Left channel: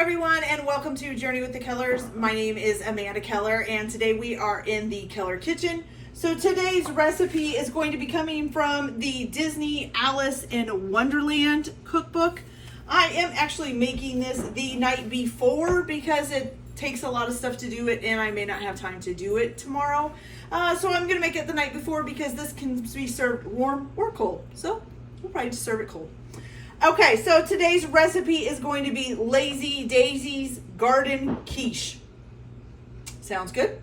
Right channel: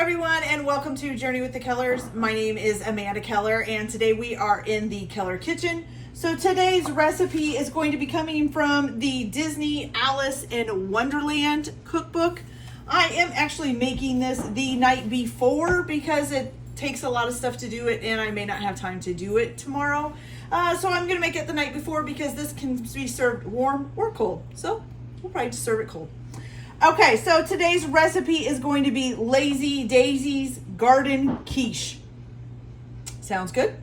everyone, and welcome to Journey with the Kellers. My name is Amanda Keller, and today we are in the Keller kitchen. So today's recipe is going to be coming from the Disney Alice in Wonderland cookbook. I am actually making this the night before because it takes a lot of stuff to do it, and I may not have time to do it tomorrow. So I'm going to make it the night before because this can be served warm or cold. So we'll probably just serve it cold. Okay, so today's recipe is going to be Daisy's Garden Quiche. Sounds good?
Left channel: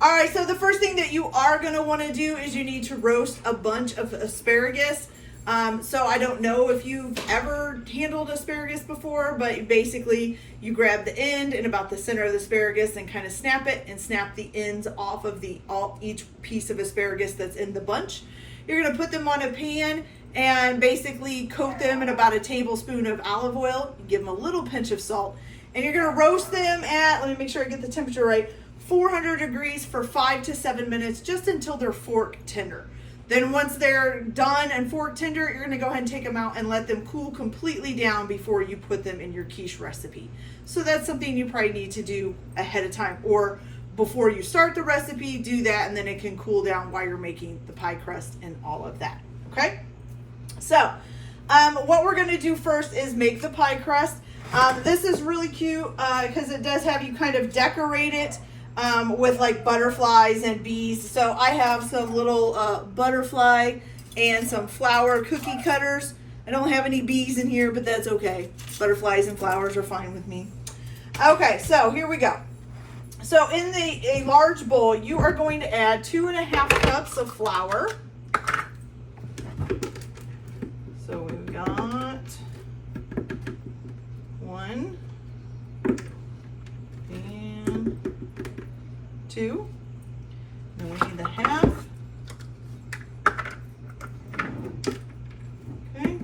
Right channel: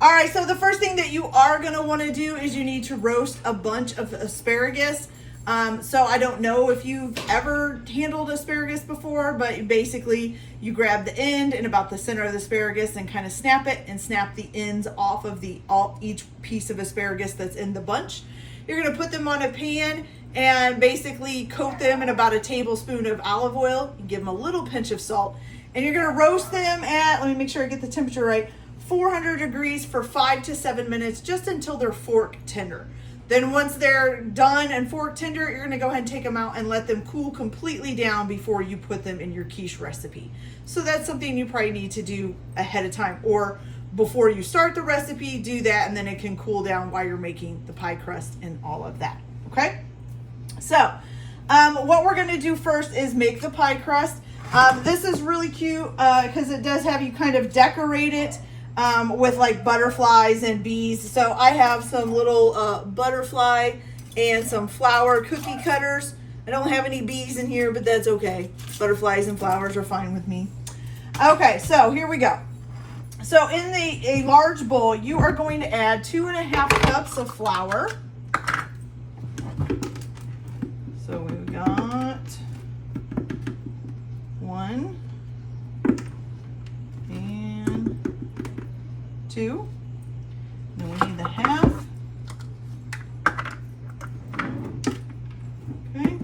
All right, so the first thing that you are going to want to do is you need to roast a bunch of asparagus. So I don't know if you've ever handled asparagus before, but basically you grab the end and about the center of the asparagus and kind of snap it and snap the ends off of each piece of asparagus that's in the bunch. You're going to put them on a pan and basically coat them in about a tablespoon of olive oil. You give them a little pinch of salt. And you're going to roast them at, let me make sure I get the temperature right, 400 degrees for 5 to 7 minutes, just until they're fork tender. Then once they're done and fork tender, you're going to go ahead and take them out and let them cool completely down before you put them in your quiche recipe. So that's something you probably need to do ahead of time, or before you start the recipe, do that, and then it can cool down while you're making the pie crust and all of that, okay? So, what we're gonna do first is make the pie crust. This is really cute because it does have you kind of decorate it with like butterflies and bees. So I have some little butterfly and some flower cookie cutters. I don't have any bees in here, but that's okay. Butterflies and flowers are fine with me. Okay, so here we go. So in a large bowl, you are going to add 2.5 cups of flour. So we've got 1 and 2. Then we need the half. Okay.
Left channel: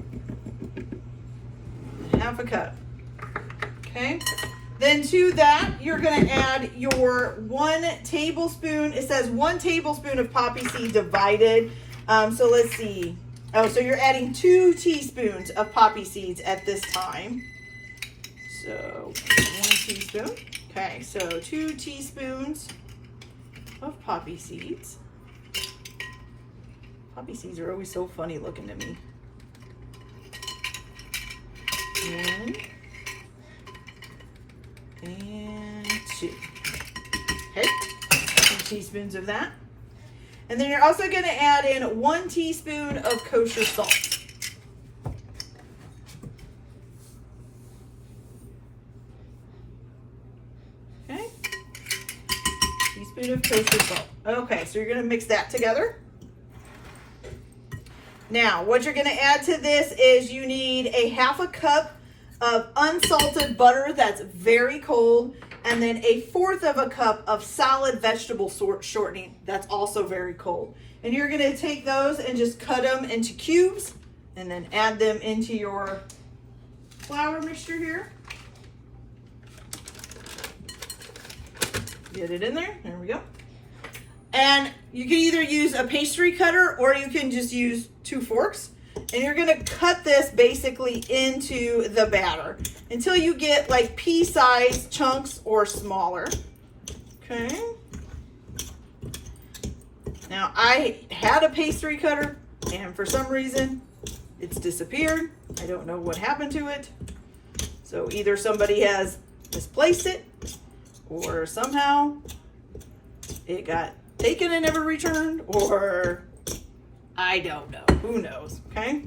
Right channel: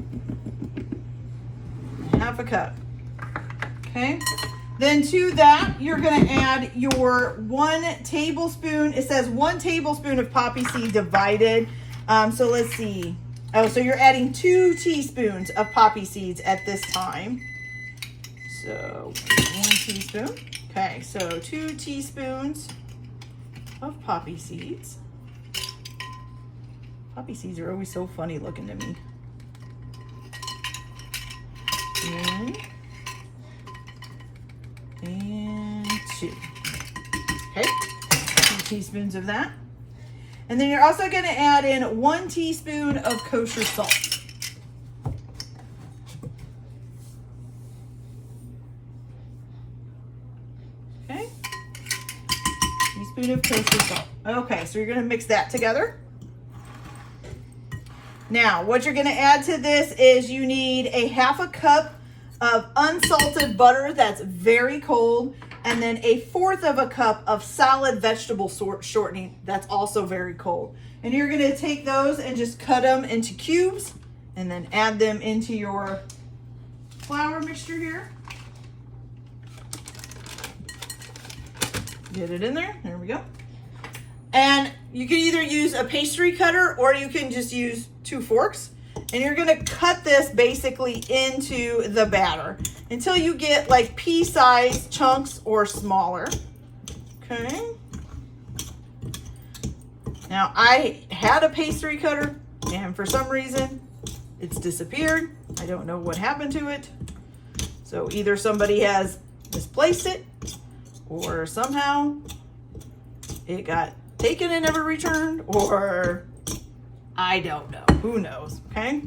Half a cup. Okay. Then to that, you're going to add your 1 tablespoon. It says 1 tablespoon of poppy seed divided. So let's see. Oh, so you're adding 2 teaspoons of poppy seeds at this time. So 1 teaspoon. Okay, so 2 teaspoons of poppy seeds. Poppy seeds are always so funny looking to me. 1 and 2. Okay, 2 teaspoons of that. And then you're also going to add in 1 teaspoon of kosher salt. Okay, teaspoon of kosher salt. Okay, so you're going to mix that together. Now, what you're going to add to this is you need 1/2 cup of unsalted butter that's very cold, and then 1/4 cup of solid vegetable shortening that's also very cold. And you're going to take those and just cut them into cubes and then add them into your flour mixture here. Get it in there. There we go. And you can either use a pastry cutter or you can just use 2 forks. And you're going to cut this basically into the batter until you get like pea-sized chunks or smaller. Okay. Now I had a pastry cutter and for some reason it's disappeared. I don't know what happened to it. So either somebody has misplaced it or somehow it got taken and never returned, or I don't know. Who knows, okay?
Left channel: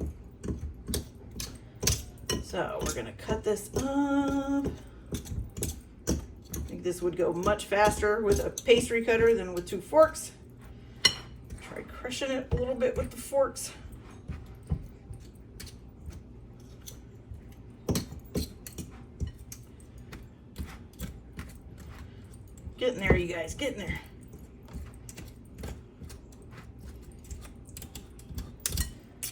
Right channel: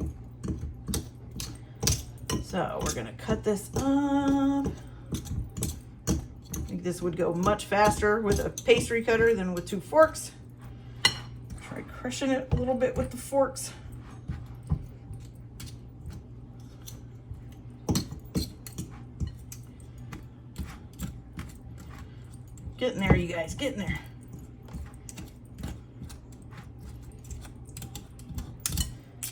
So we're gonna cut this up. I think this would go much faster with a pastry cutter than with 2 forks. Try crushing it a little bit with the forks. Getting there, you guys, getting there.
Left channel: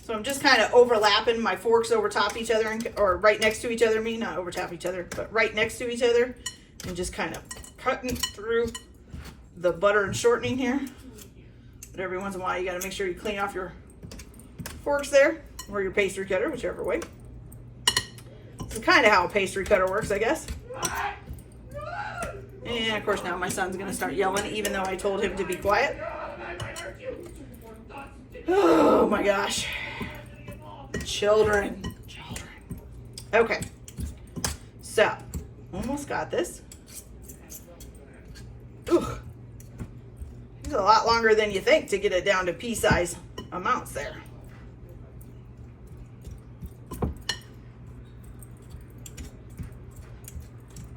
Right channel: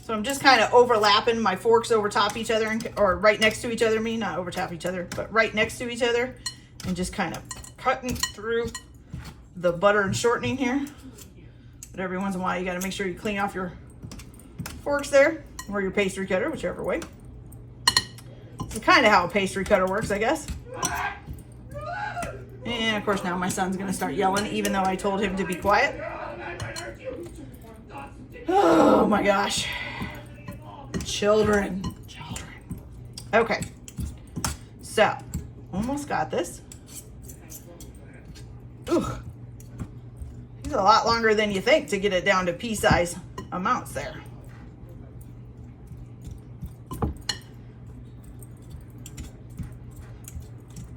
So I'm just kind of overlapping my forks over top each other, or right next to each other, not over top each other, but right next to each other, and just kind of cutting through the butter and shortening here. But every once in a while, you got to make sure you clean off your forks there, or your pastry cutter, whichever way. It's kind of how a pastry cutter works, I guess. And of course now my son's gonna start yelling even though I told him to be quiet. Oh my gosh. Children. Okay. So, almost got this. Ooh. It's a lot longer than you think to get it down to pea-size amounts there.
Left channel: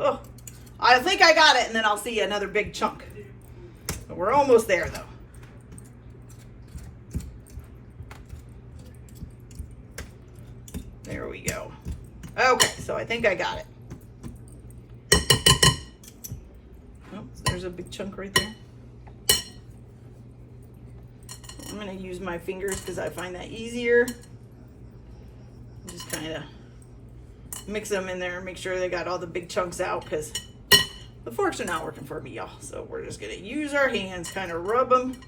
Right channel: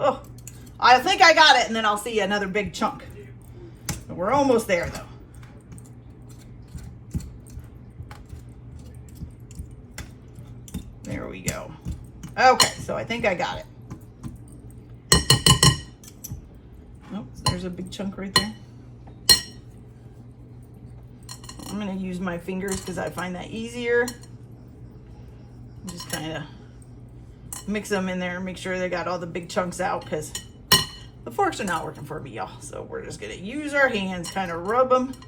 Oh, I think I got it, and then I'll see another big chunk. But we're almost there, though. There we go. Okay, so I think I got it. Oh, there's a big chunk right there. I'm going to use my fingers because I find that easier. Just kind of mix them in there and make sure they got all the big chunks out because the forks are not working for me, y'all. So we're just going to use our hands, kind of rub them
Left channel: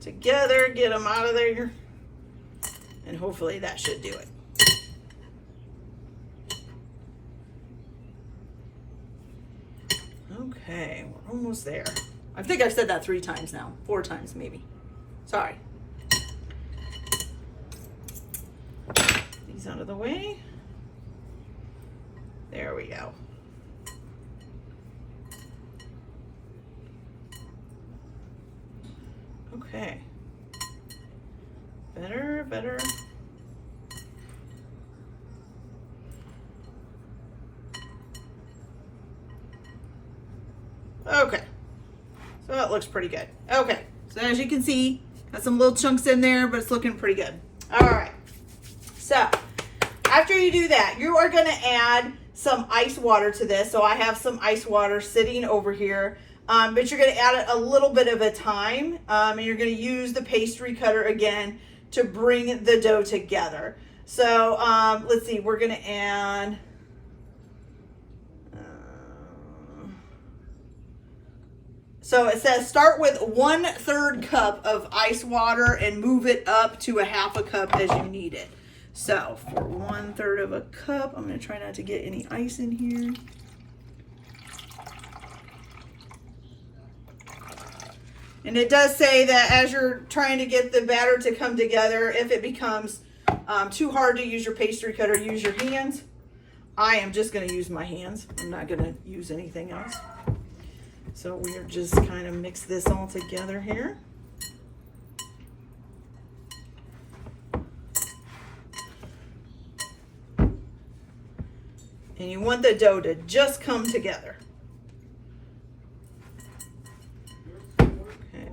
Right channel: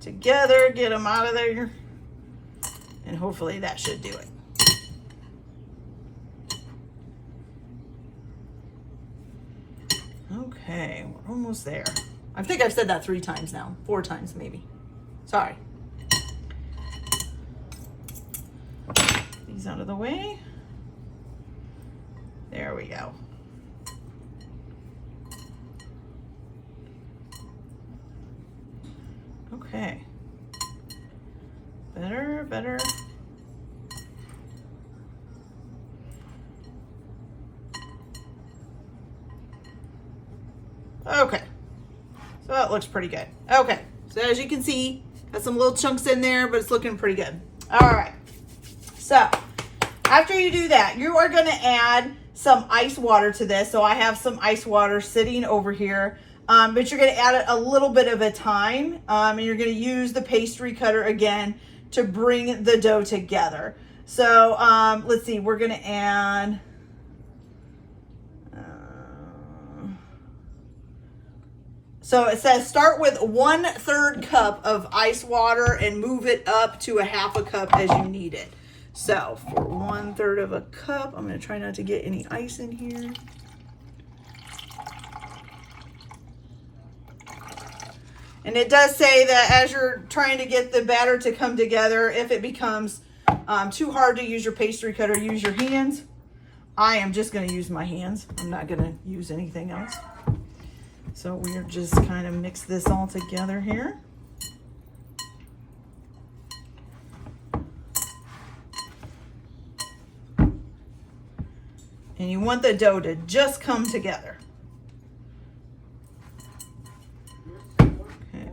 together, get them out of there, and hopefully that should do it. Okay, we're almost there. I think I've said that 3 times now, 4 times maybe. Sorry. These out of the way. There we go. Okay. Better. Okay. So that looks pretty good. Okay. So as you can see, got some little chunks in there, but it's looking pretty good. All right. So after you do that, you are going to add some ice water to this. So I have some ice water sitting over here, but you're going to add it a little bit of a time, and you're going to use the pastry cutter again to bring the dough together. So let's see, we're going to add so it says start with 1/3 cup of ice water and move it up to 1/2 cup as you need it. So for 1/3 of a cup, I'm going to try not to get any ice in here. And it does say that as you're trying to get the batter to come together, if it becomes too hard to use your pastry cutter, use your hands. I am just going to use my hands. I'm not going to use anything else. So we're just kind of mix this all together here. And you want the dough to just come together. Okay,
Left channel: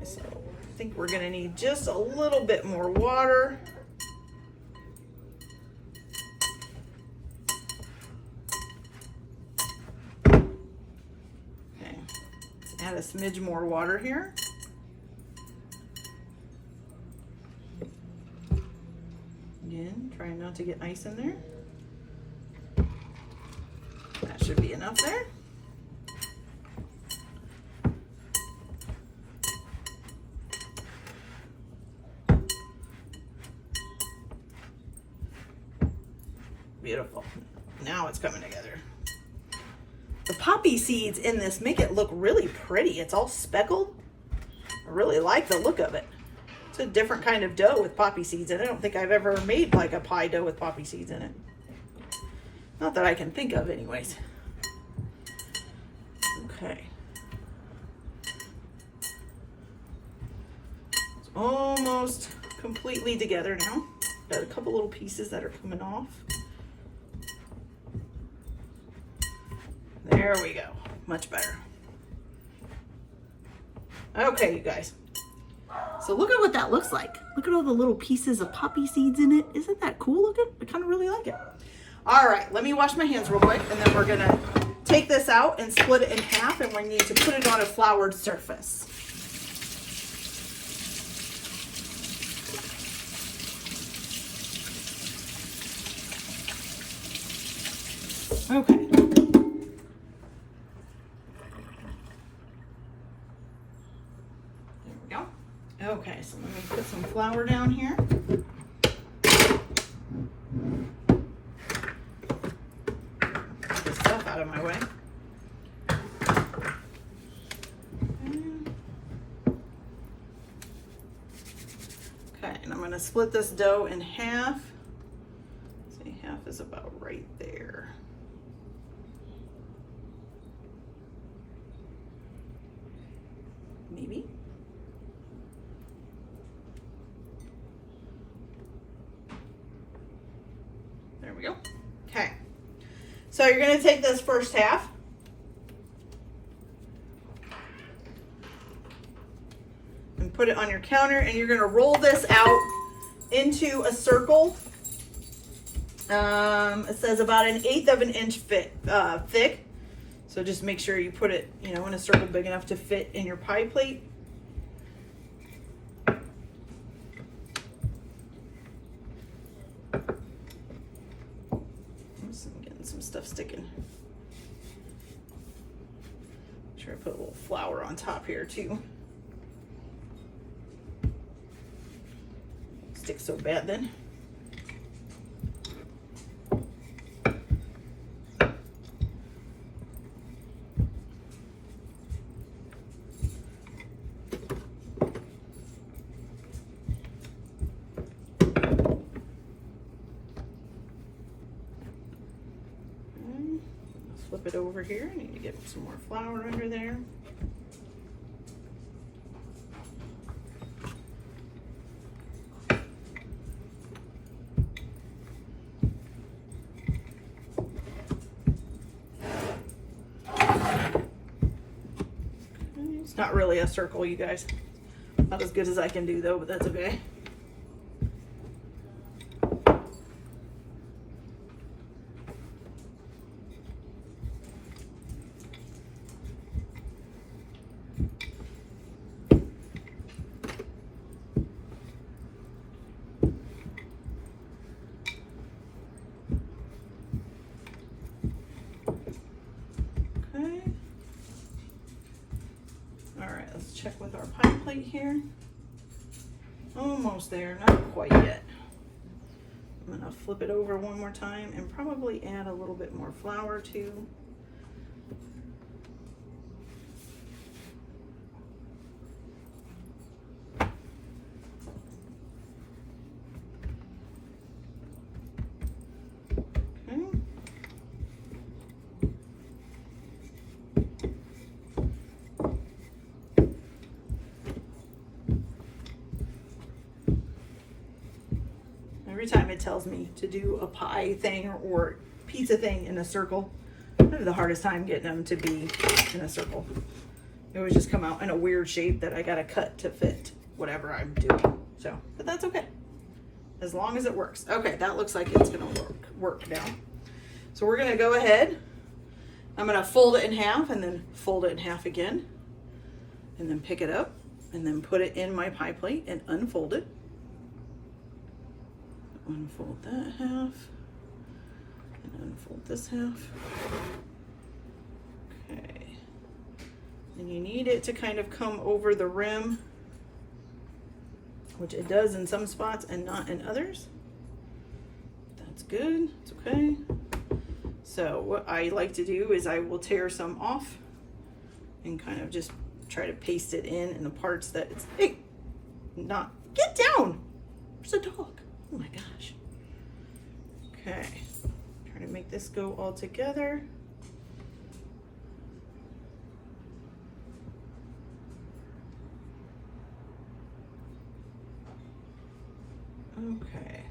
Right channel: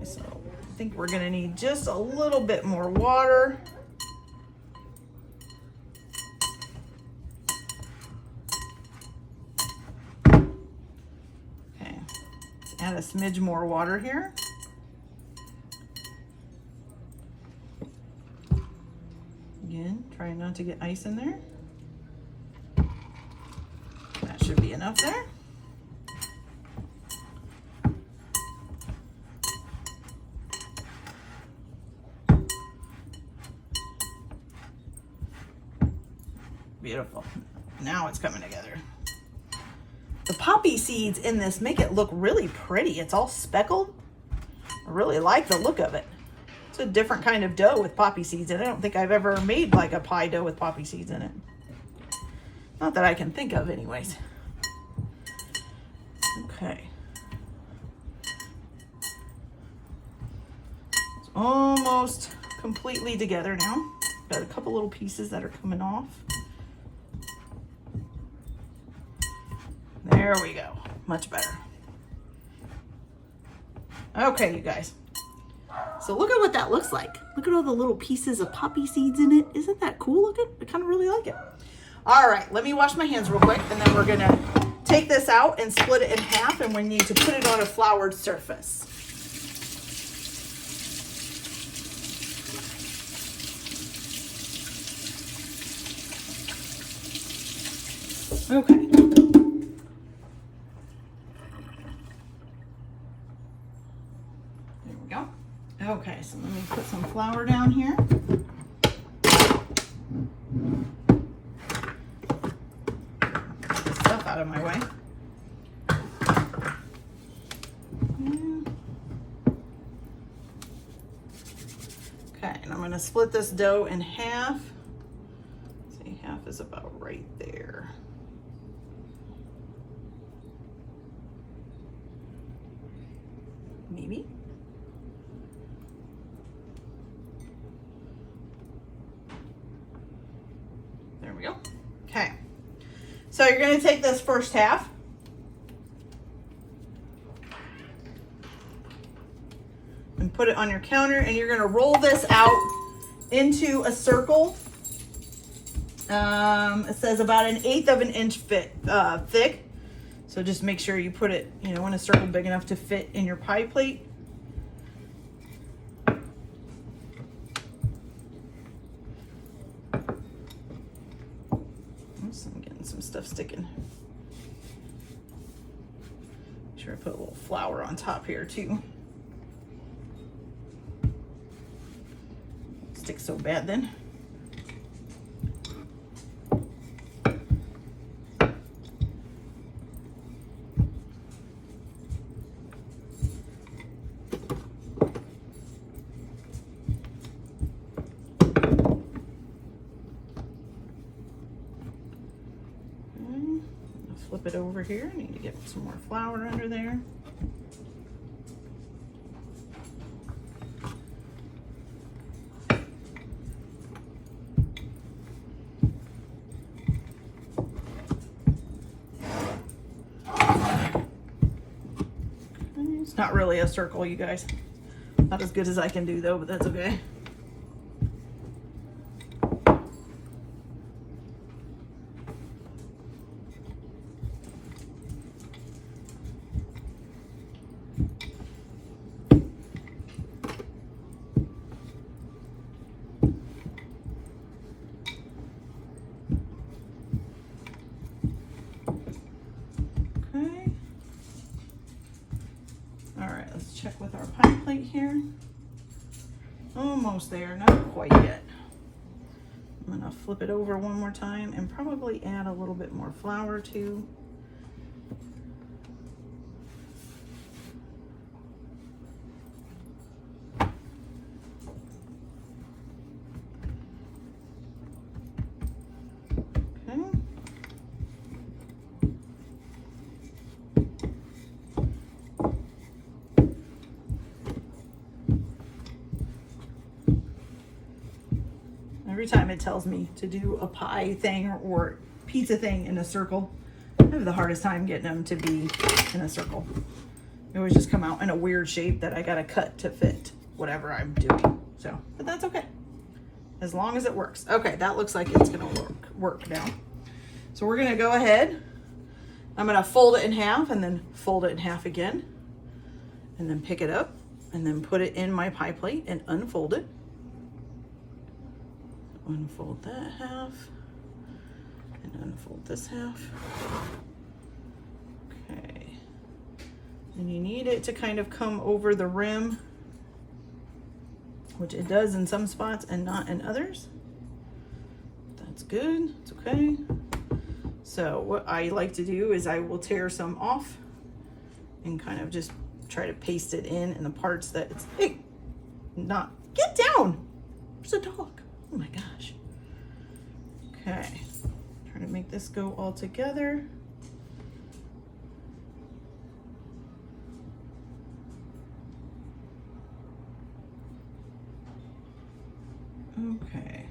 so I think we're going to need just a little bit more water. Add a smidge more water here. Again, trying not to get ice in there. That should be enough there. Beautiful. Now it's coming together. The poppy seeds in this make it look really pretty. It's all speckled. I really like the look of it. It's a different kind of dough with poppy seeds in it. I don't think I've ever made like a pie dough with poppy seeds in it. Not that I can think of anyways. Okay. It's almost completely together now. Got a couple little pieces that are coming off. There we go. Much better. Okay, you guys. So look at what that looks like. Look at all the little pieces of poppy seeds in it. Isn't that cool looking? I kind of really like it. All right, let me wash my hands real quick, and then we're gonna take this out and split it in half, and we need to put it on a floured surface. Okay. There we go. Okay, so let me put some flour down here. way. Okay, and I'm going to split this dough in half. Say half is about right there. Maybe. There we go. Okay. So you're going to take this first half. And put it on your counter, and you're going to roll this out into a circle. It says about 1/8 of an inch thick. So just make sure you put it, in a circle big enough to fit in your pie plate. Oops, I'm getting some stuff sticking. Make sure I put a little flour on top here too. Sticks so bad then. Flip it over here. I need to get some more flour under there. It's not really a circle, you guys. Not as good as I can do though, but that's okay. Check with our pie plate here. Almost there, not quite yet. I'm gonna flip it over one more time and probably add a little bit more flour too. Every time it tells me to do a pie thing or pizza thing in a circle, I have the hardest time getting them to be in a circle. It always just come out in a weird shape that I gotta cut to fit whatever I'm doing. So, but that's okay. As long as it works. Okay, that looks like it's gonna work now. So we're gonna go ahead. I'm gonna fold it in half and then fold it in half again. And then pick it up and then put it in my pie plate and unfold it. Unfold that half and unfold this half. Okay. And you need it to kind of come over the rim, which it does in some spots and not in others. That's good. It's okay. So what I like to do is I will tear some off and kind of just try to paste it in the parts that it's, hey, not, get down. There's a dog. Oh my gosh. Okay, trying to make this go all together. Okay.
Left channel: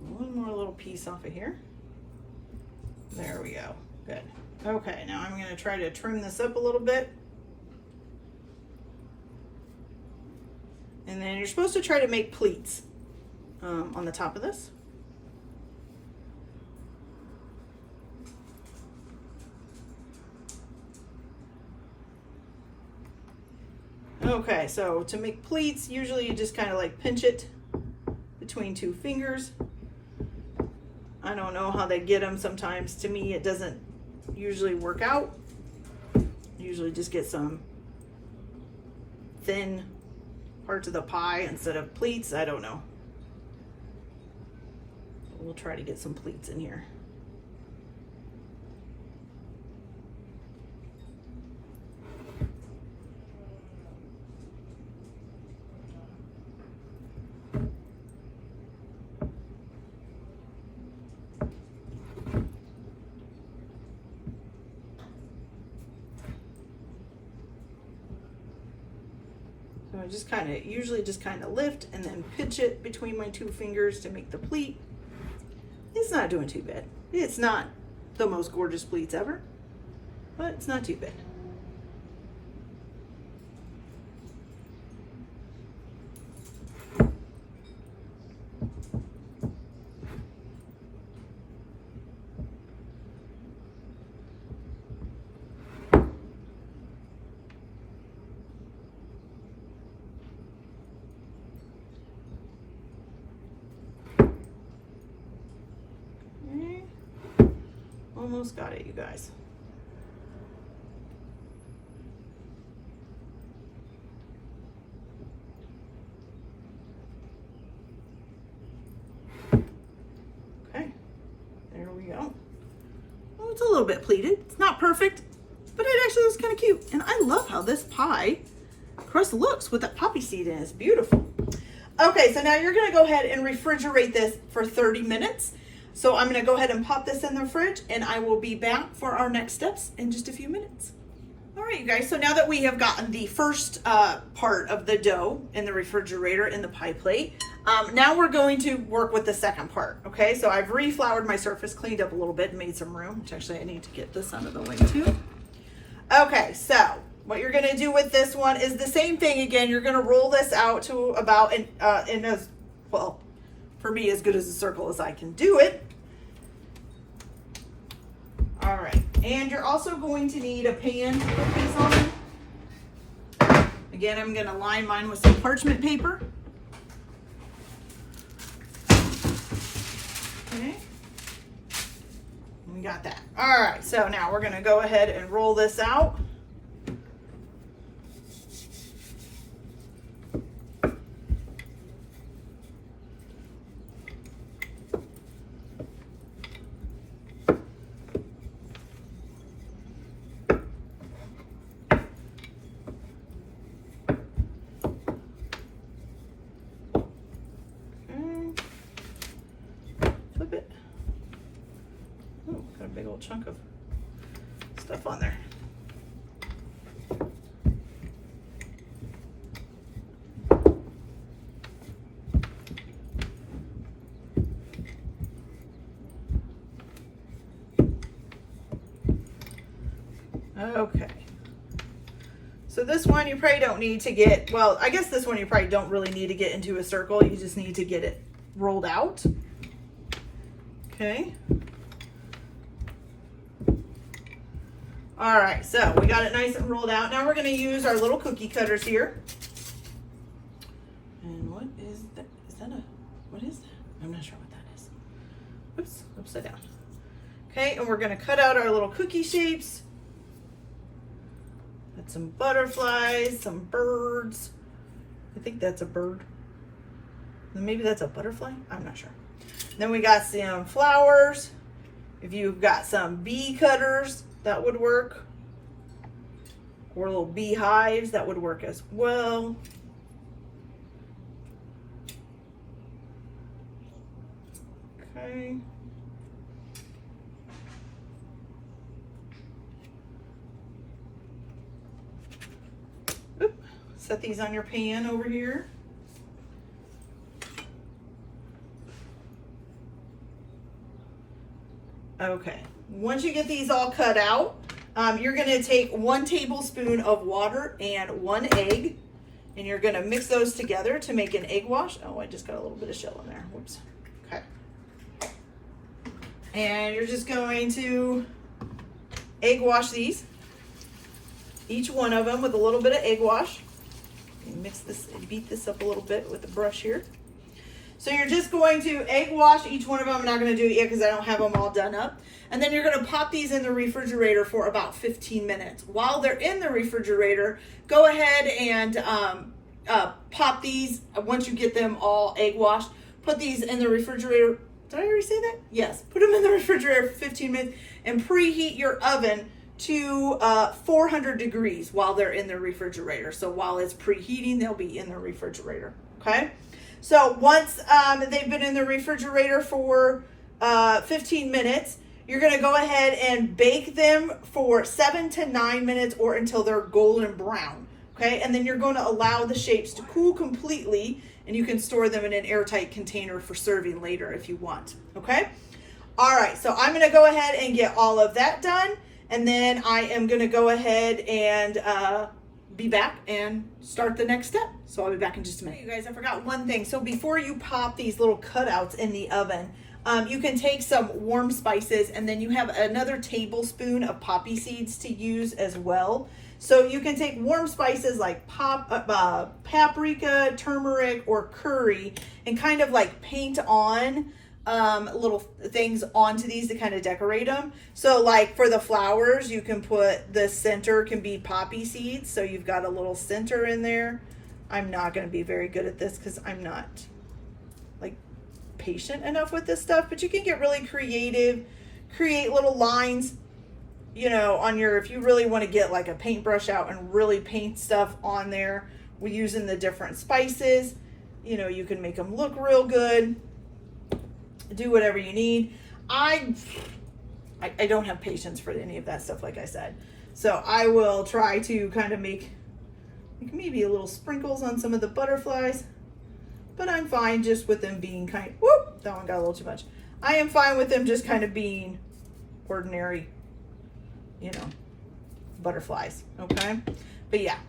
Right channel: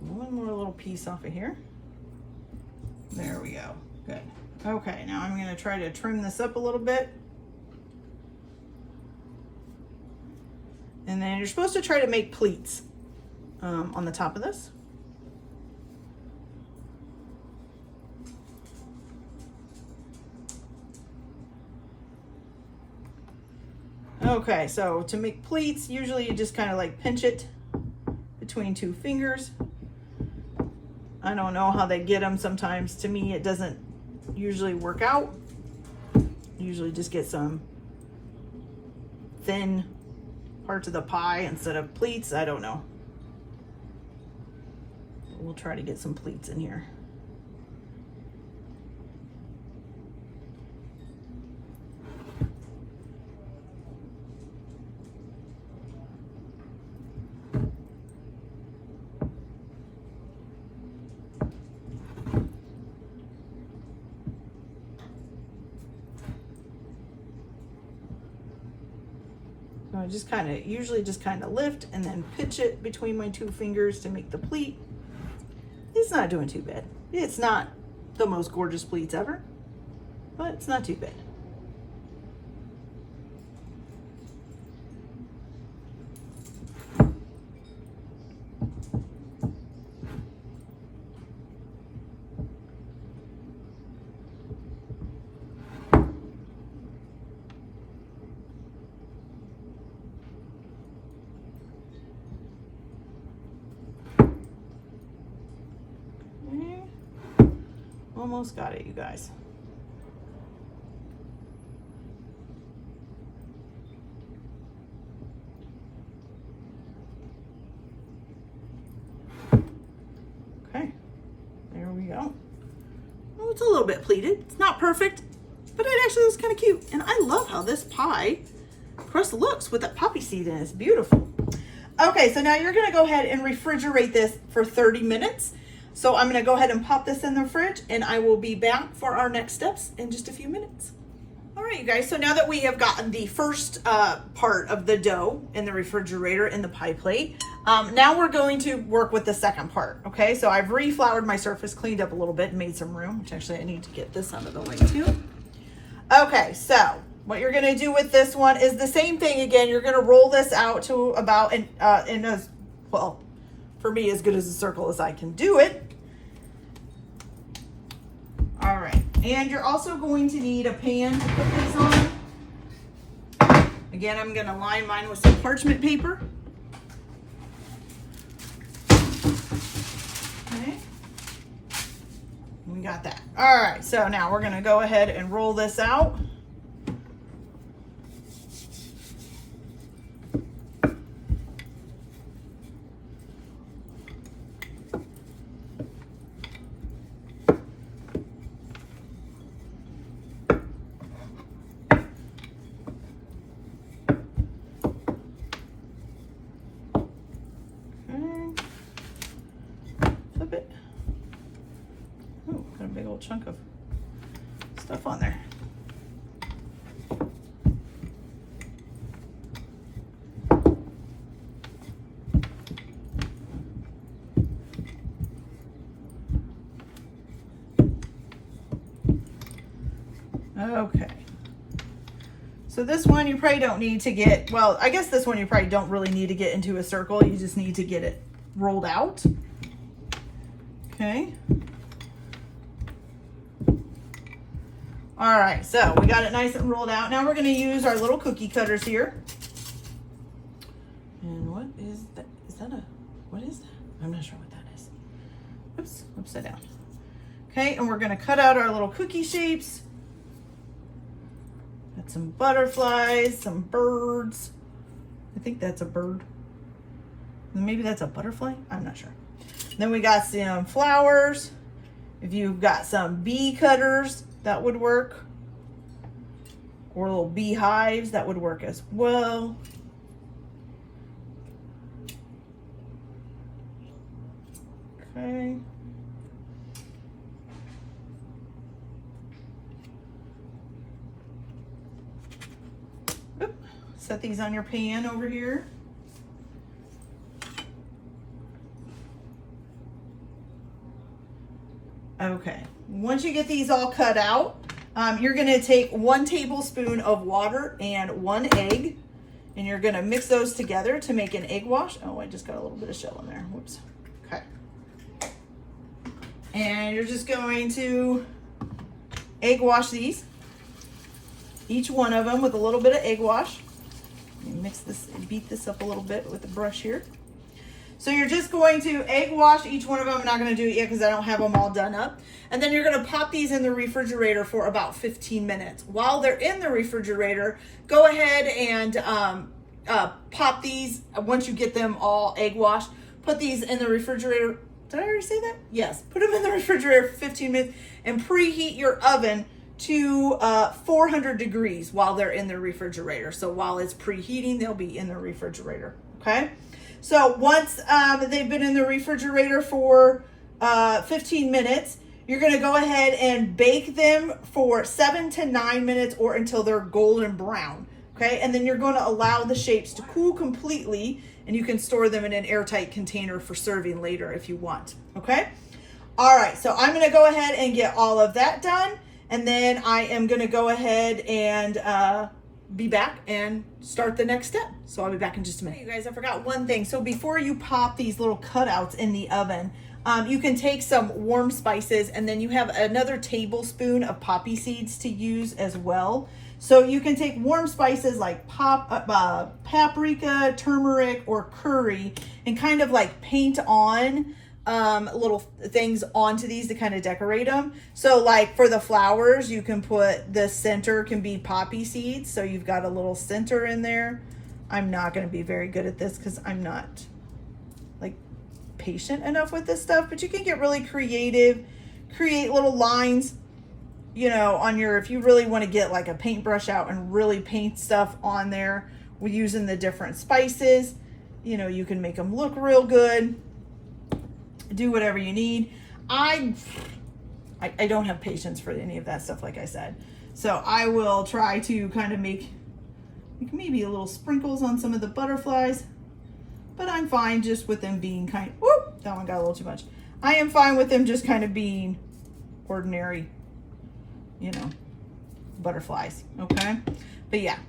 One more little piece off of here. There we go. Good. Okay, now I'm going to try to trim this up a little bit. And then you're supposed to try to make pleats on the top of this. Okay, so to make pleats, usually you just kind of like pinch it between two fingers. I don't know how they get them sometimes. To me, it doesn't usually work out. usually just get some thin parts of the pie instead of pleats. I don't know. We'll try to get some pleats in here. So I usually just kind of lift and then pinch it between my two fingers to make the pleat. It's not doing too bad. It's not the most gorgeous pleats ever, but it's not too bad. Almost got it, you guys. Okay, there we go. Oh, it's a little bit pleated. It's not perfect, but it actually looks kind of cute. And I love how this pie crust looks with that poppy seed in it. It's beautiful. Okay, so now you're gonna go ahead and refrigerate this for 30 minutes. So I'm gonna go ahead and pop this in the fridge, and I will be back for our next steps in just a few minutes. All right, you guys, so now that we have gotten the first part of the dough in the refrigerator in the pie plate, now we're going to work with the second part, okay? So I've refloured my surface, cleaned up a little bit, and made some room, which actually I need to get this out of the way too. Okay, so what you're gonna do with this one is the same thing again. You're gonna roll this out to about, in as, well, for me, as good as a circle as I can do it. All right, and you're also going to need a pan to put these on. Again, I'm gonna line mine with some parchment paper. Okay, we got that. All right, so now we're gonna go ahead and roll this out. Chunk of stuff on there. Okay. So this one you probably don't need to get, well, I guess this one you probably don't really need to get into a circle. You just need to get it rolled out. Okay. All right, so we got it nice and rolled out. Now we're gonna use our little cookie cutters here. And what is that? Is that a, what is that? I'm not sure what that is. Oops, upside down. Okay, and we're gonna cut out our little cookie shapes. Got some butterflies, some birds. I think that's a bird. Maybe that's a butterfly, I'm not sure. Then we got some flowers. If you've got some bee cutters, that would work. Or little beehives, that would work as well. Okay. Oop. Set these on your pan over here. Okay, once you get these all cut out, you're gonna take 1 tablespoon of water and 1 egg, and you're gonna mix those together to make an egg wash. Oh, I just got a little bit of shell in there, whoops. Okay. And you're just going to egg wash these, each one of them with a little bit of egg wash. Mix this and beat this up a little bit with the brush here. So you're just going to egg wash each one of them. I'm not going to do it yet because I don't have them all done up. And then you're going to pop these in the refrigerator for about 15 minutes. While they're in the refrigerator, go ahead and pop these. Once you get them all egg washed, put these in the refrigerator. Did I already say that? Yes. Put them in the refrigerator for 15 minutes and preheat your oven to 400 degrees while they're in the refrigerator. So while it's preheating, they'll be in the refrigerator. Okay. So once they've been in the refrigerator for 15 minutes, you're going to go ahead and bake them for 7 to 9 minutes or until they're golden brown. Okay. And then you're going to allow the shapes to cool completely, and you can store them in an airtight container for serving later if you want. Okay. All right. So I'm going to go ahead and get all of that done. And then I am going to go ahead and be back and start the next step. So I'll be back in just a minute. You guys, I forgot one thing. So before you pop these little cutouts in the oven, you can take some warm spices, and then you have another tablespoon of poppy seeds to use as well. So you can take warm spices like paprika, turmeric, or curry, and kind of like paint on little things onto these to kind of decorate them. So like for the flowers, you can put the center can be poppy seeds. So you've got a little center in there. I'm not going to be very good at this because I'm not like patient enough with this stuff, but you can get really creative, create little lines, you know, on your, if you really want to get like a paintbrush out and really paint stuff on there, we're using the different spices, you know, you can make them look real good. Do whatever you need. I don't have patience for any of that stuff, like I said. So I will try to kind of make maybe a little sprinkles on some of the butterflies, but I'm fine just with them being kind of, whoop, that one got a little too much. I am fine with them just kind of being ordinary, you know, butterflies, okay? But yeah,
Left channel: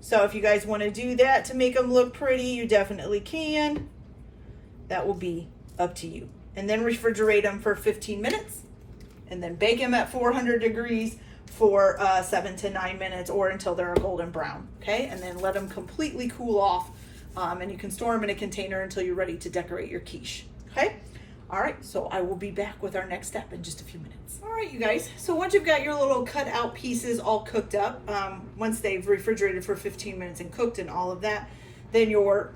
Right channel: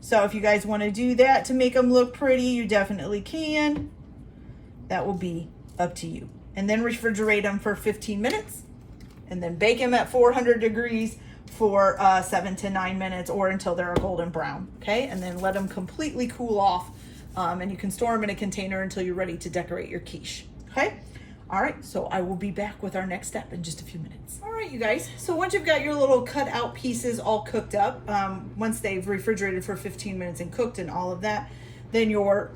so if you guys want to do that to make them look pretty, you definitely can. That will be up to you. And then refrigerate them for 15 minutes, and then bake them at 400 degrees for 7 to 9 minutes or until they're a golden brown. Okay, and then let them completely cool off, and you can store them in a container until you're ready to decorate your quiche. Okay. All right, so I will be back with our next step in just a few minutes. All right, you guys, so once you've got your little cut out pieces all cooked up, once they've refrigerated for 15 minutes and cooked and all of that, then your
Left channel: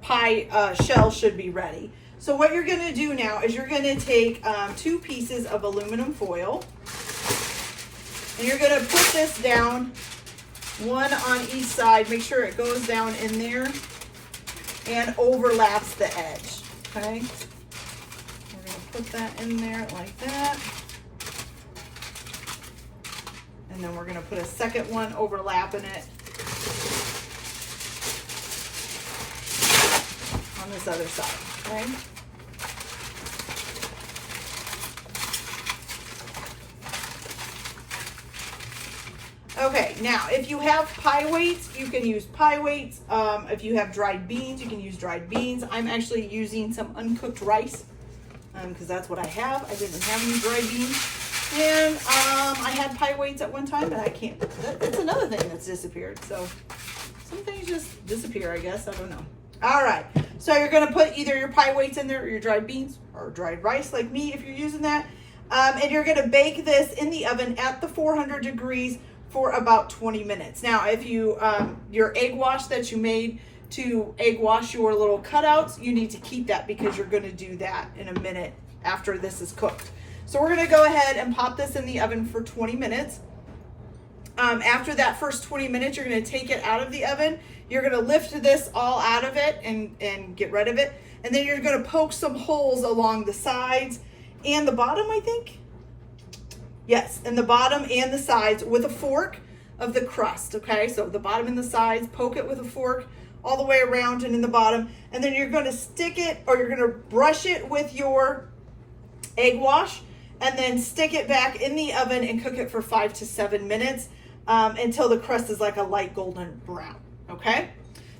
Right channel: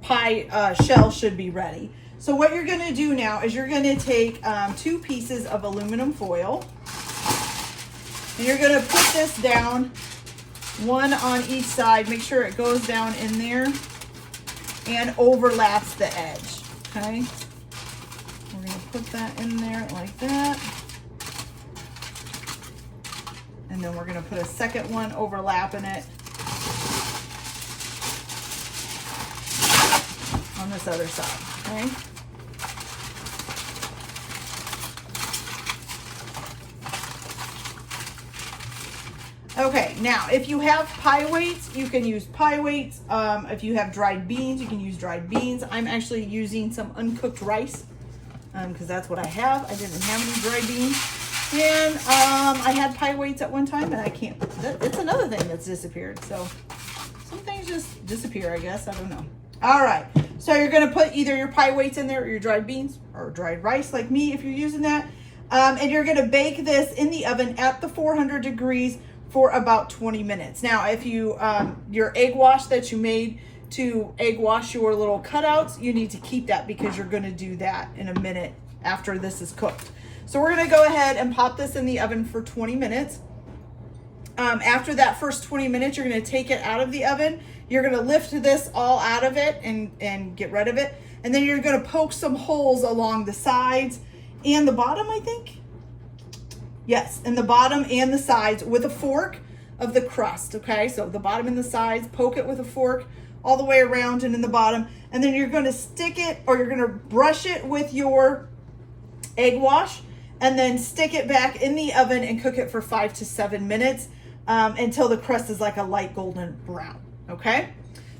pie shell should be ready. So what you're gonna do now is you're gonna take 2 pieces of aluminum foil, and you're gonna put this down, one on each side. Make sure it goes down in there and overlaps the edge, okay? We're gonna put that in there like that. And then we're gonna put a second one overlapping it on this other side, okay? Okay, now if you have pie weights, you can use pie weights. If you have dried beans, you can use dried beans. I'm actually using some uncooked rice because that's what I have. I didn't have any dried beans. And I had pie weights at one time, and I can't. It's another thing that's disappeared. So some things just disappear, I guess. I don't know. All right, so you're going to put either your pie weights in there or your dried beans or dried rice like me if you're using that. And you're going to bake this in the oven at the 400 degrees for about 20 minutes. Now, if you, your egg wash that you made to egg wash your little cutouts, you need to keep that because you're gonna do that in a minute after this is cooked. So we're gonna go ahead and pop this in the oven for 20 minutes. After that first 20 minutes, you're gonna take it out of the oven. You're gonna lift this all out of it and get rid of it. And then you're gonna poke some holes along the sides and the bottom, I think. Yes, in the bottom and the sides with a fork of the crust, okay? So the bottom and the sides, poke it with a fork all the way around and in the bottom. And then you're gonna stick it, or you're gonna brush it with your egg wash and then stick it back in the oven and cook it for 5 to 7 minutes until the crust is like a light golden brown, okay?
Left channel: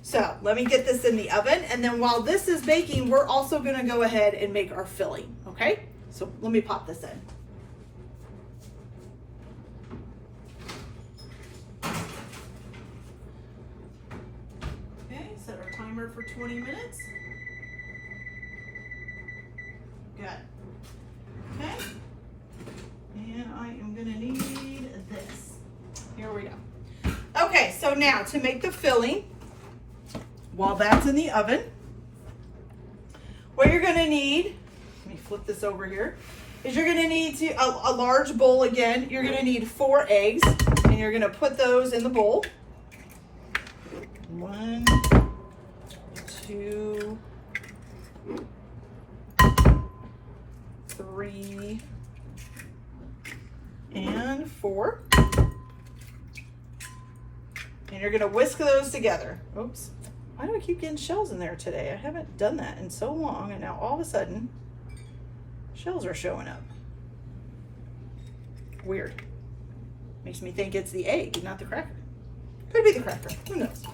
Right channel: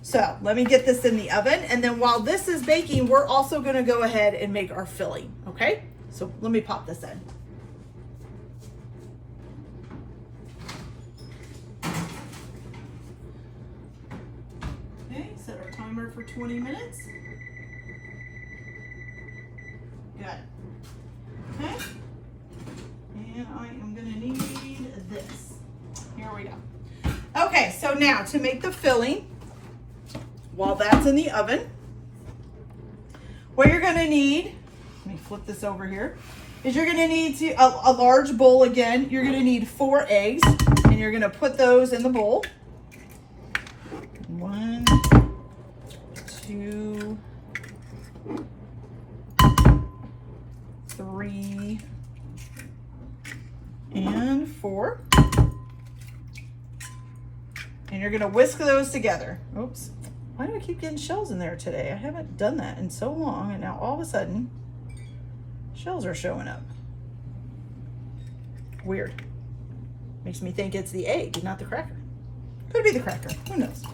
So let me get this in the oven. And then while this is baking, we're also gonna go ahead and make our filling, okay? So let me pop this in. Set our timer for 20 minutes. Okay, so now to make the filling, while that's in the oven, what you're gonna need, let me flip this over here, is you're gonna need a large bowl again. You're gonna need 4 eggs, and you're gonna put those in the bowl. 1, 2, 3, and 4. And you're gonna whisk those together. Oops, why do I keep getting shells in there today? I haven't done that in so long, and now all of a sudden, shells are showing up. Weird. Makes me think it's the egg, not the cracker. Could be the cracker, who knows?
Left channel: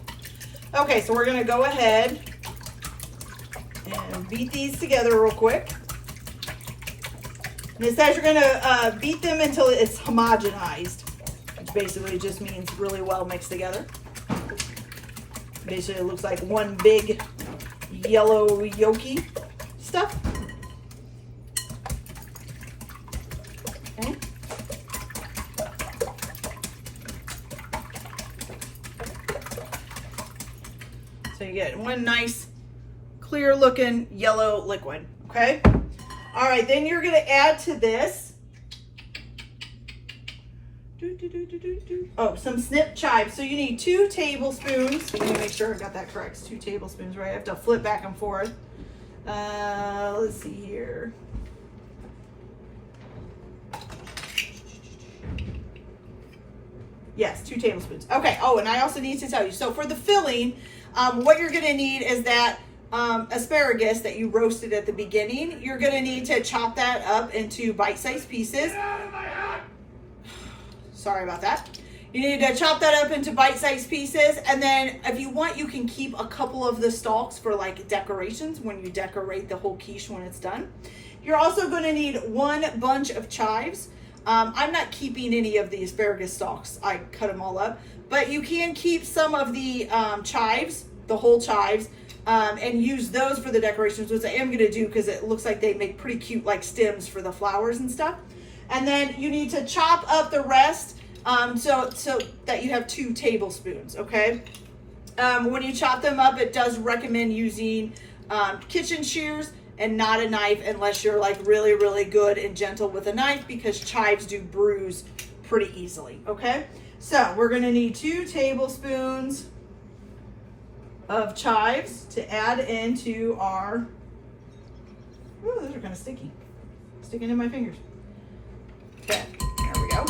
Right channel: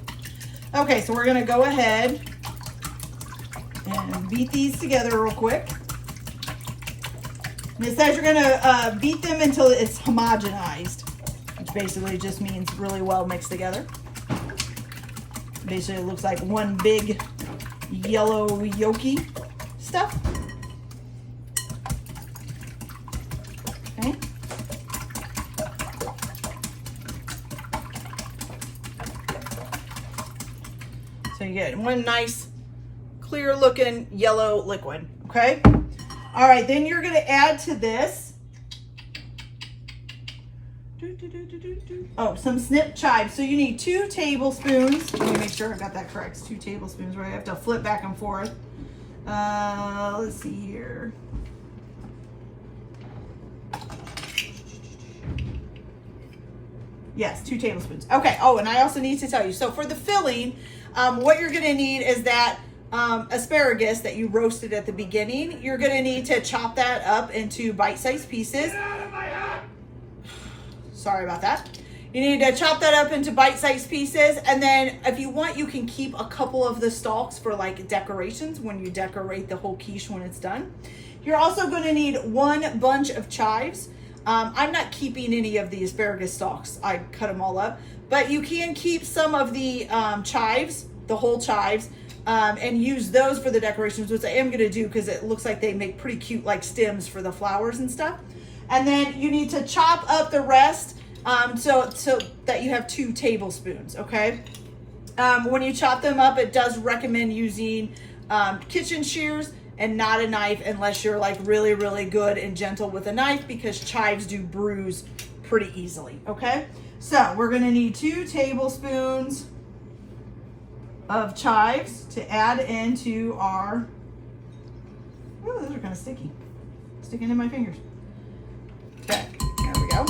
Okay, so we're gonna go ahead and beat these together real quick. And it says you're gonna beat them until it's homogenized, which basically just means really well mixed together. Basically, it looks like one big yellow yolky stuff. Okay. So you get one nice, clear looking yellow liquid, okay? All right, then you're gonna add to this, some snipped chives. So you need 2 tablespoons. Let me make sure I got that correct. It's 2 tablespoons, right? I have to flip back and forth. Let's see here. Yes, 2 tablespoons. Okay, oh, and I also need to tell you, so for the filling, what you're gonna need is that asparagus that you roasted at the beginning. You're gonna need to chop that up into bite-sized pieces. Sorry about that. You need to chop that up into bite-sized pieces, and then if you want, you can keep a couple of the stalks for like decorations when you decorate the whole quiche when it's done. You're also going to need 1 bunch of chives. I'm not keeping any of the asparagus stalks. I cut them all up, but you can keep some of the chives, the whole chives, and use those for the decorations, which I am going to do because it looks like they make pretty cute like stems for the flowers and stuff. And then you need to chop up the rest so that you have 2 tablespoons, okay? When you chop them up, it does recommend using kitchen shears and not a knife unless you're like really, really good and gentle with a knife, because chives do bruise pretty easily, okay? So we're gonna need 2 tablespoons of chives to add into our, oh, those are kind of sticky, sticking in my fingers. Okay, there we go.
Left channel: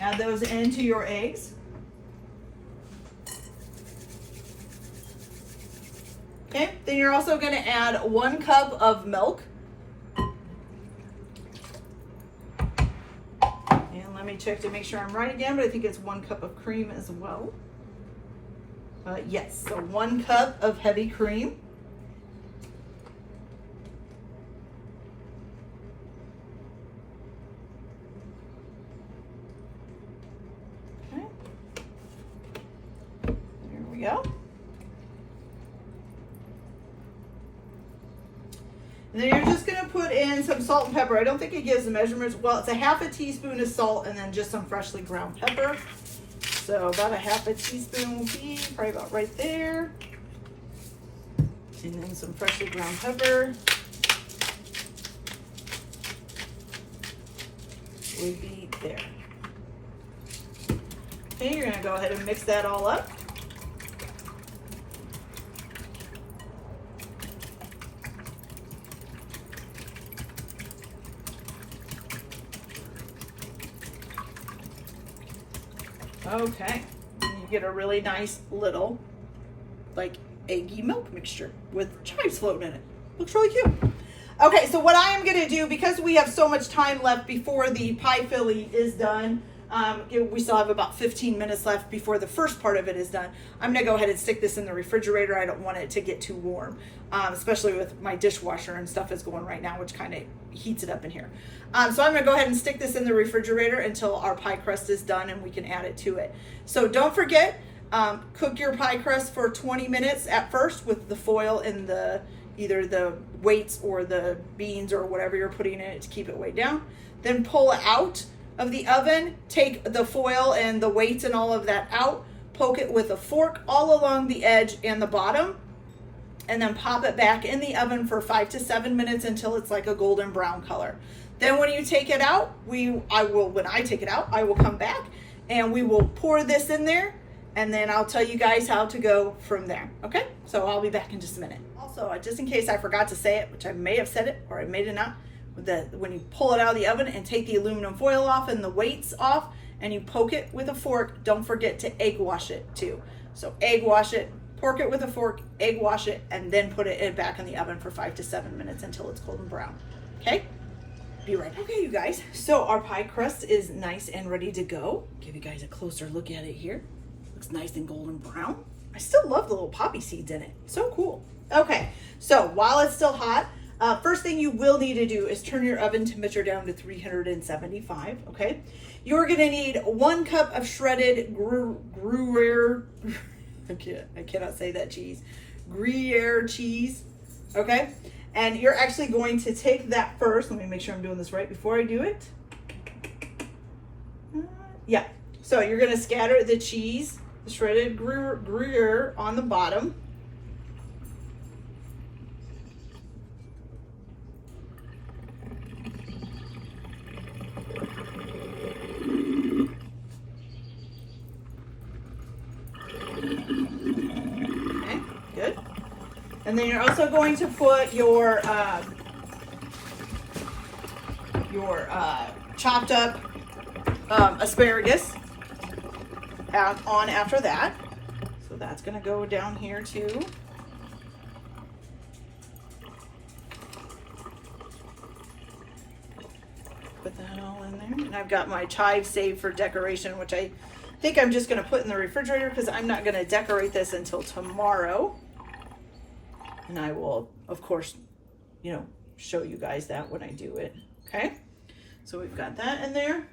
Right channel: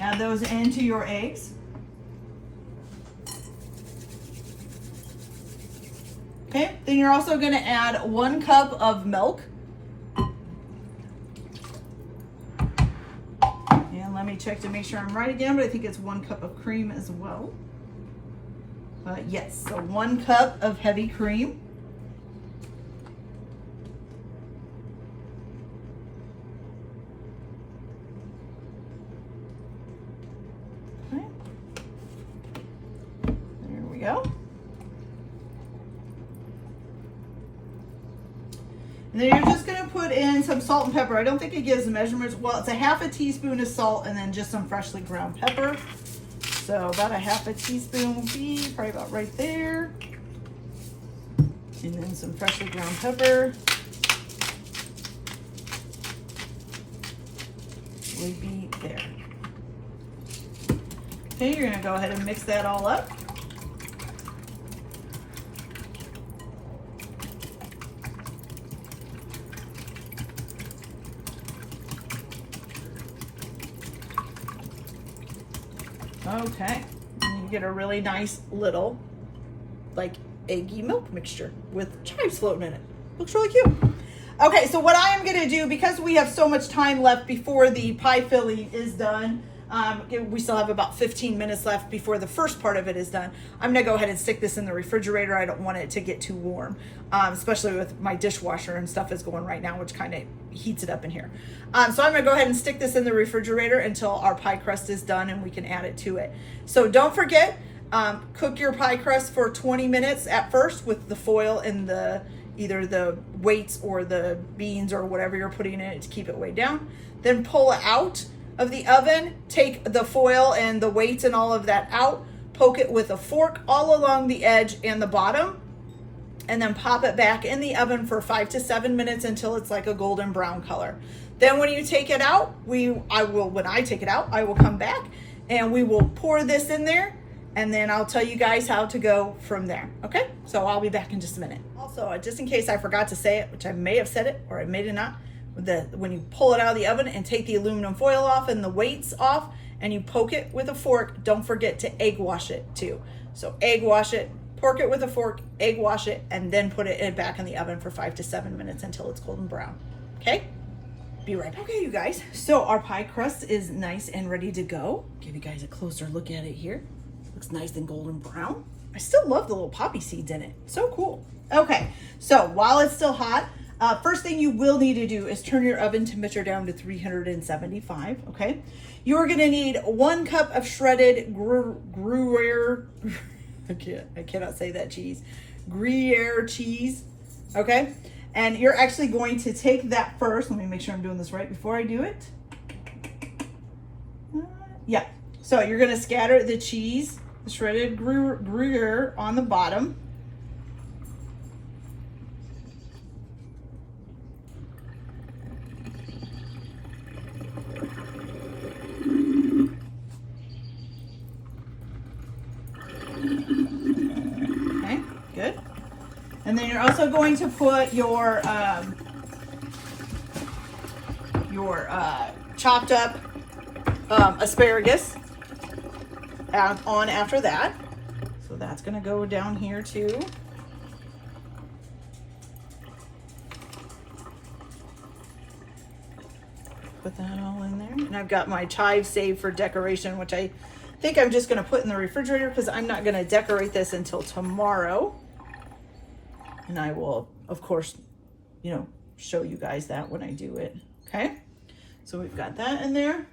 Add those into your eggs. Okay, then you're also going to add 1 cup of milk. And let me check to make sure I'm right again, but I think it's 1 cup of cream as well. Yes, so 1 cup of heavy cream. Okay. There we go. And then you're just going to put in some salt and pepper. I don't think it gives the measurements. Well, it's a half a teaspoon of salt and then just some freshly ground pepper. So about a half a teaspoon will be probably about right there. And then some freshly ground pepper would be there. Okay, you're going to go ahead and mix that all up. Okay, and you get a really nice little like eggy milk mixture with chives floating in it. Looks really cute. Okay, so what I am gonna do, because we have so much time left before the pie filling is done, we still have about 15 minutes left before the first part of it is done. I'm gonna go ahead and stick this in the refrigerator. I don't want it to get too warm, especially with my dishwasher and stuff is going right now, which kind of heats it up in here. So I'm gonna go ahead and stick this in the refrigerator until our pie crust is done and we can add it to it. So don't forget, cook your pie crust for 20 minutes at first with the foil and either the weights or the beans or whatever you're putting in it to keep it weighed down. Then pull it out of the oven, take the foil and the weights and all of that out, poke it with a fork all along the edge and the bottom, and then pop it back in the oven for 5 to 7 minutes until it's like a golden brown color. Then when you take it out, when I take it out, I will come back and we will pour this in there, and then I'll tell you guys how to go from there. Okay, so I'll be back in just a minute. Also, just in case I forgot to say it, which I may have said it or I may have not, when you pull it out of the oven and take the aluminum foil off and the weights off and you poke it with a fork, don't forget to egg wash it too. So egg wash it, pork it with a fork, egg wash it, and then put it back in the oven for 5 to 7 minutes until it's golden brown. Okay? Be right back. Okay, you guys, so our pie crust is nice and ready to go. Give you guys a closer look at it here. Looks nice and golden brown. I still love the little poppy seeds in it. So cool. Okay, so while it's still hot, first thing you will need to do is turn your oven temperature down to 375, okay? You are gonna need 1 cup of shredded Gruyere, I cannot say that cheese, Gruyere cheese, okay? And you're actually going to take that first. Let me make sure I'm doing this right before I do it. Yeah, so you're gonna scatter the cheese, the shredded Gruyere on the bottom. Okay, good. And then you're also going to put your chopped up asparagus on after that. So that's going to go down here too. Put that all in there. And I've got my chives saved for decoration, which I think I'm just going to put in the refrigerator because I'm not going to decorate this until tomorrow. And I will, of course, show you guys that when I do it. Okay, so we've got that in there.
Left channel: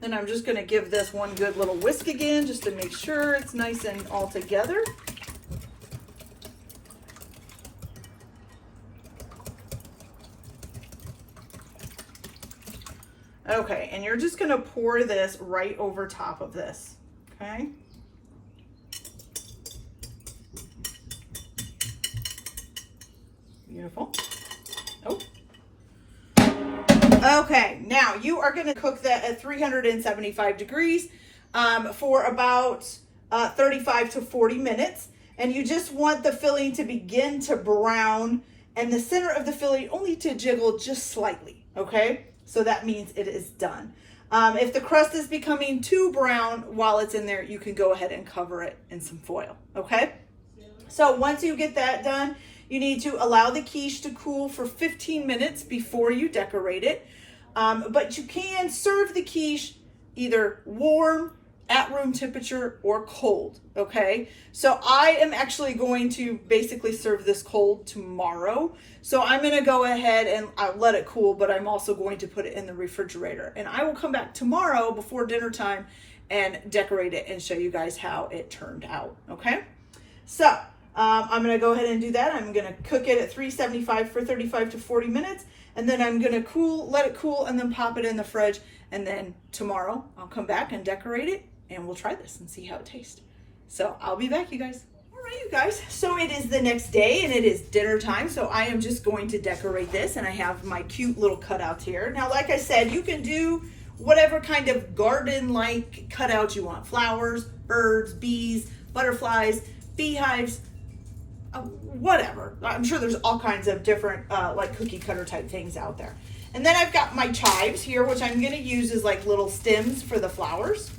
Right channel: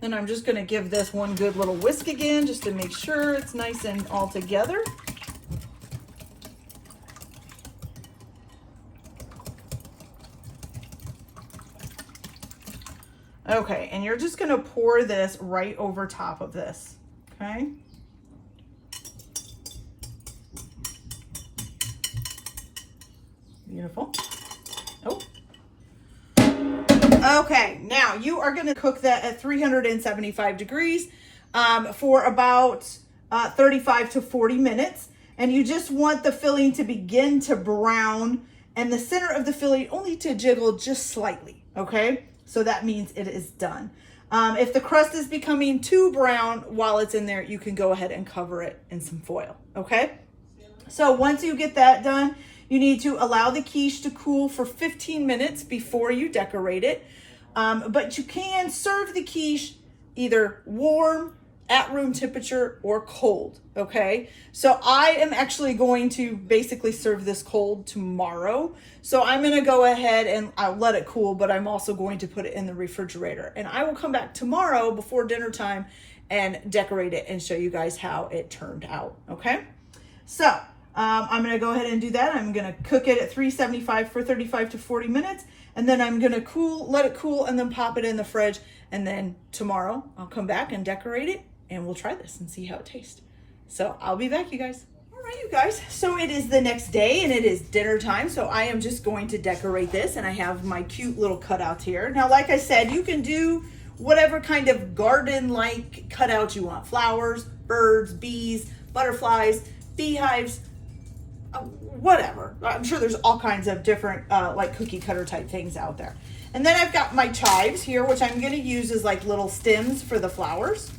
Then I'm just going to give this one good little whisk again just to make sure it's nice and all together. Okay, and you're just going to pour this right over top of this. Okay. Beautiful. Oh. Okay, now you are going to cook that at 375 degrees for about 35 to 40 minutes. And you just want the filling to begin to brown and the center of the filling only to jiggle just slightly. Okay, so that means it is done. If the crust is becoming too brown while it's in there, you can go ahead and cover it in some foil. Okay, so once you get that done, you need to allow the quiche to cool for 15 minutes before you decorate it. But you can serve the quiche either warm, at room temperature, or cold, okay? So I am actually going to basically serve this cold tomorrow. So I'm gonna go ahead and I'll let it cool, but I'm also going to put it in the refrigerator. And I will come back tomorrow before dinner time and decorate it and show you guys how it turned out, okay? So, I'm gonna go ahead and do that. I'm gonna cook it at 375 for 35 to 40 minutes, and then I'm gonna let it cool, and then pop it in the fridge. And then tomorrow I'll come back and decorate it, and we'll try this and see how it tastes. So I'll be back, you guys. All right, you guys. So it is the next day, and it is dinner time. So I am just going to decorate this, and I have my cute little cutouts here. Now, like I said, you can do whatever kind of garden-like cutout you want: flowers, birds, bees, butterflies, beehives. Whatever. I'm sure there's all kinds of different like cookie cutter type things out there. And then I've got my chives here, which I'm going to use as like little stems for the flowers.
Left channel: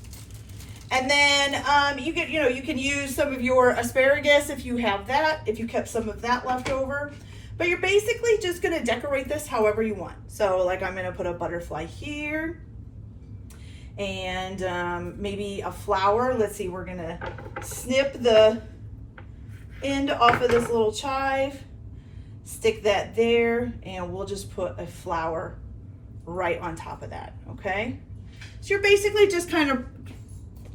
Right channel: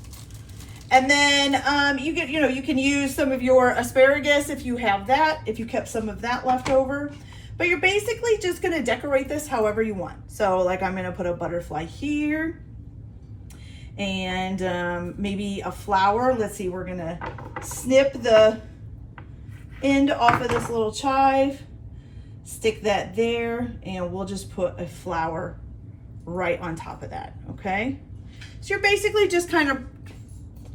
And then you can use some of your asparagus if you have that, if you kept some of that left over. But you're basically just going to decorate this however you want. So like I'm going to put a butterfly here and maybe a flower. Let's see, we're going to snip the end off of this little chive, stick that there, and we'll just put a flower right on top of that. Okay, so you're basically just kind of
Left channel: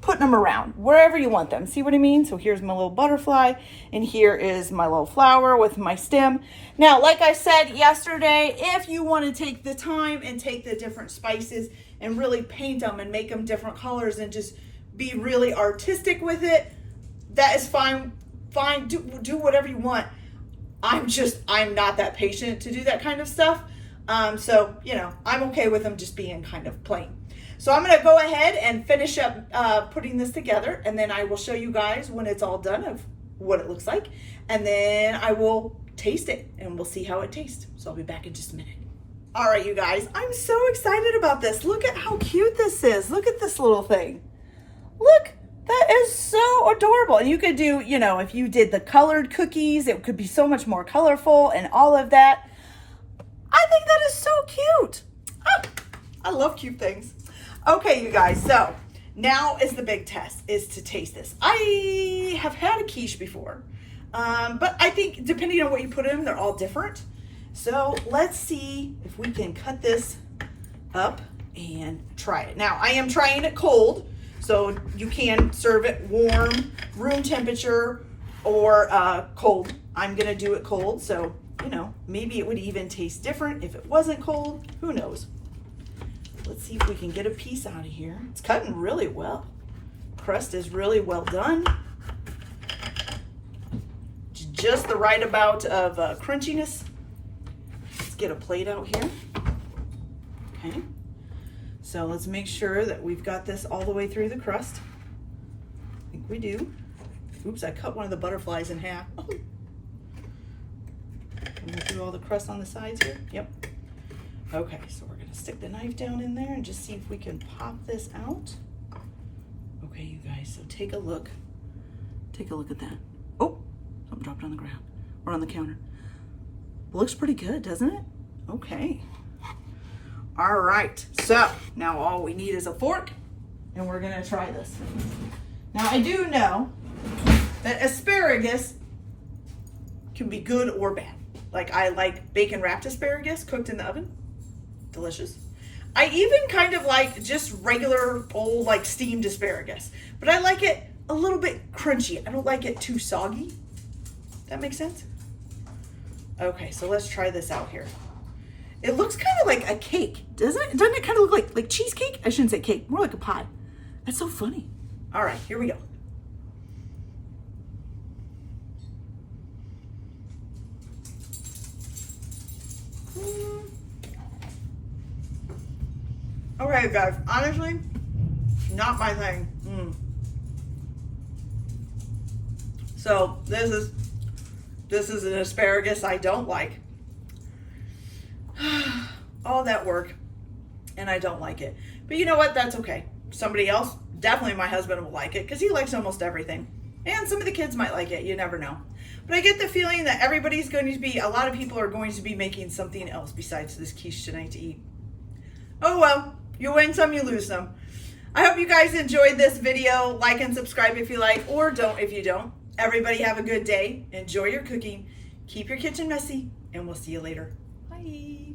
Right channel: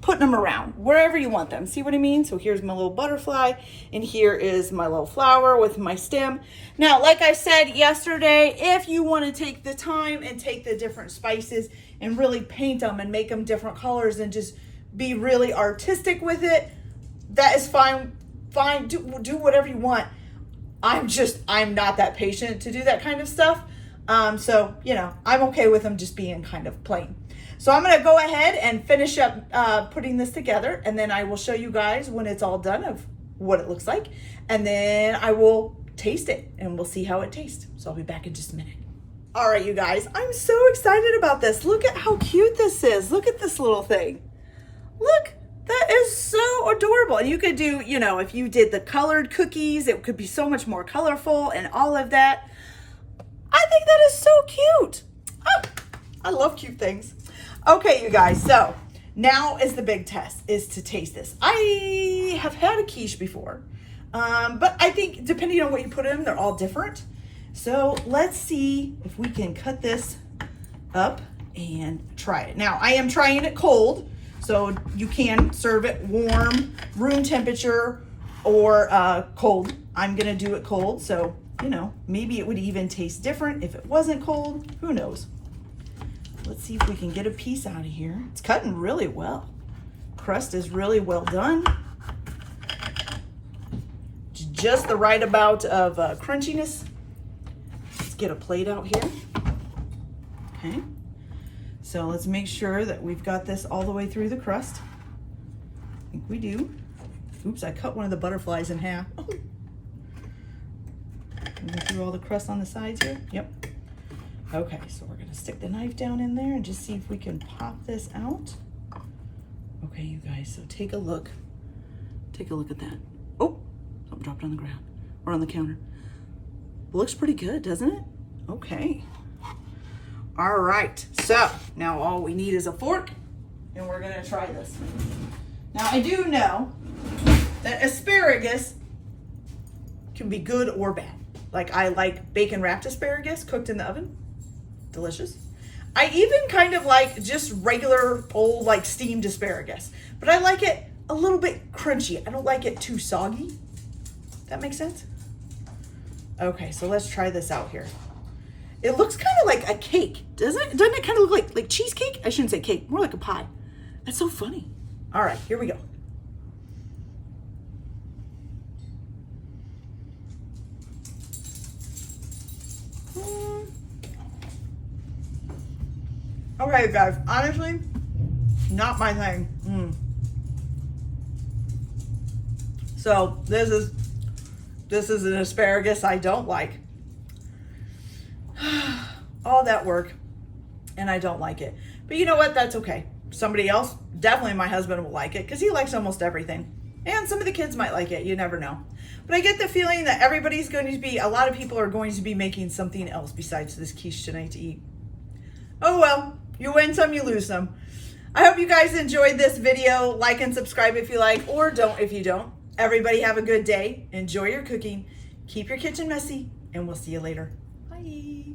putting them around wherever you want them. See what I mean? So here's my little butterfly, and here is my little flower with my stem. Now, like I said yesterday, if you want to take the time and take the different spices and really paint them and make them different colors and just be really artistic with it, that is fine. Do whatever you want. I'm not that patient to do that kind of stuff. So, you know, I'm okay with them just being kind of plain. So I'm gonna go ahead and finish up putting this together, and then I will show you guys when it's all done of what it looks like, and then I will taste it and we'll see how it tastes. So I'll be back in just a minute. All right, you guys, I'm so excited about this. Look at how cute this is. Look at this little thing. Look, that is so adorable. And you could do, you know, if you did the colored cookies, it could be so much more colorful and all of that. I think that is so cute. Ah, I love cute things. Okay, you guys, so now is the big test, is to taste this. I have had a quiche before, but I think depending on what you put in them, they're all different. So let's see if we can cut this up and try it. Now, I am trying it cold, so you can serve it warm, room temperature, or cold. I'm gonna do it cold, so, you know, maybe it would even taste different if it wasn't cold. Who knows? Let's see if we can get a piece out of here. It's cutting really well. Crust is really well done. Just the right amount of crunchiness. Let's get a plate out here. Okay. So let's make sure that we've got this all the way through the crust. I think we do. Oops, I cut one of the butterflies in half. Through all the crust on the sides here. Yep. Okay, so we're gonna stick the knife down in there and just see if we can pop this out. Okay, you guys, so take a look. Take a look at that. Oh, something dropped on the ground or on the counter. Looks pretty good, doesn't it? Okay. All right, so now all we need is a fork, and we're gonna try this. Now, I do know that asparagus can be good or bad. Like, I like bacon wrapped asparagus cooked in the oven. Delicious. I even kind of like just regular old like steamed asparagus, but I like it a little bit crunchy. I don't like it too soggy. That makes sense? Okay, so let's try this out here. It looks kind of like a cake, doesn't it? Doesn't it kind of look like cheesecake? I shouldn't say cake, more like a pie. That's so funny. All right, here we go. Okay, guys, honestly, not my thing. So this is an asparagus I don't like. All that work, and I don't like it. But you know what? That's okay. Somebody else, definitely my husband, will like it because he likes almost everything. And some of the kids might like it. You never know. But I get the feeling that everybody's going to be, a lot of people are going to be making something else besides this quiche tonight to eat. Oh well, you win some, you lose some. I hope you guys enjoyed this video. Like and subscribe if you like, or don't if you don't. Everybody have a good day. Enjoy your cooking. Keep your kitchen messy, and we'll see you later. Bye.